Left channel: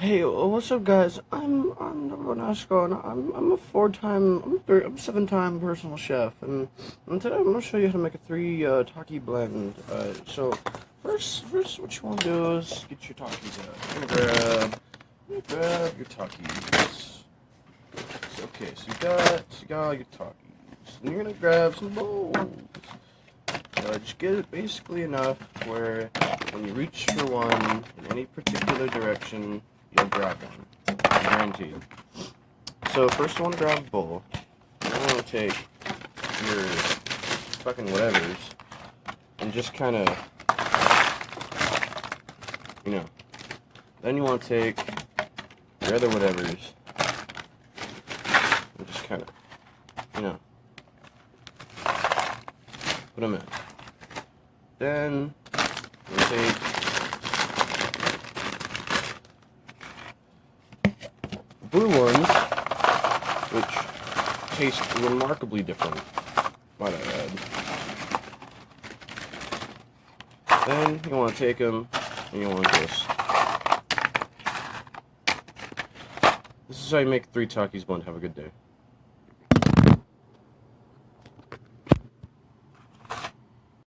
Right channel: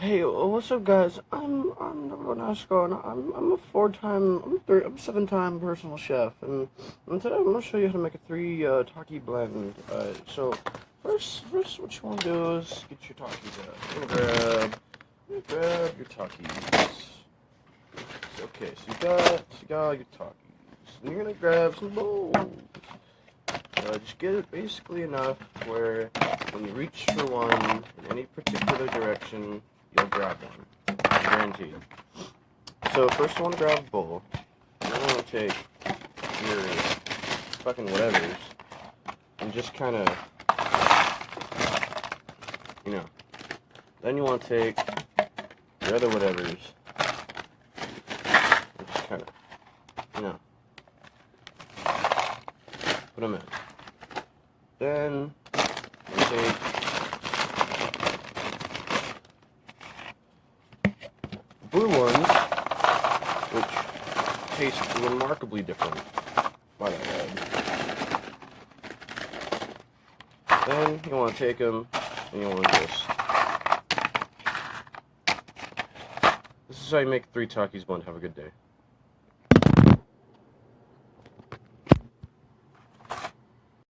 Hey, what's up, guys? I'm Vanasco, and I'm 7-time personal chef, and today I'm gonna show you how to make a Taki blend. So first, what you want to do is get your Takis out. You're gonna grab your Takis. Okay, so you got all your Takis, and you're gonna grab some bowls. Just get it basically enough where when you reach for one in any particular direction, you'll grab one. Guaranteed. So first you want to grab a bowl. You're going to take your fucking whatevers and just kind of, then you want to take your other whatevers and just kind of, put them in. Then you take blue ones, which taste remarkably different, might I add. Then you want to take them and you want to just... This is how you make Three-Taki's blend. Have a good day.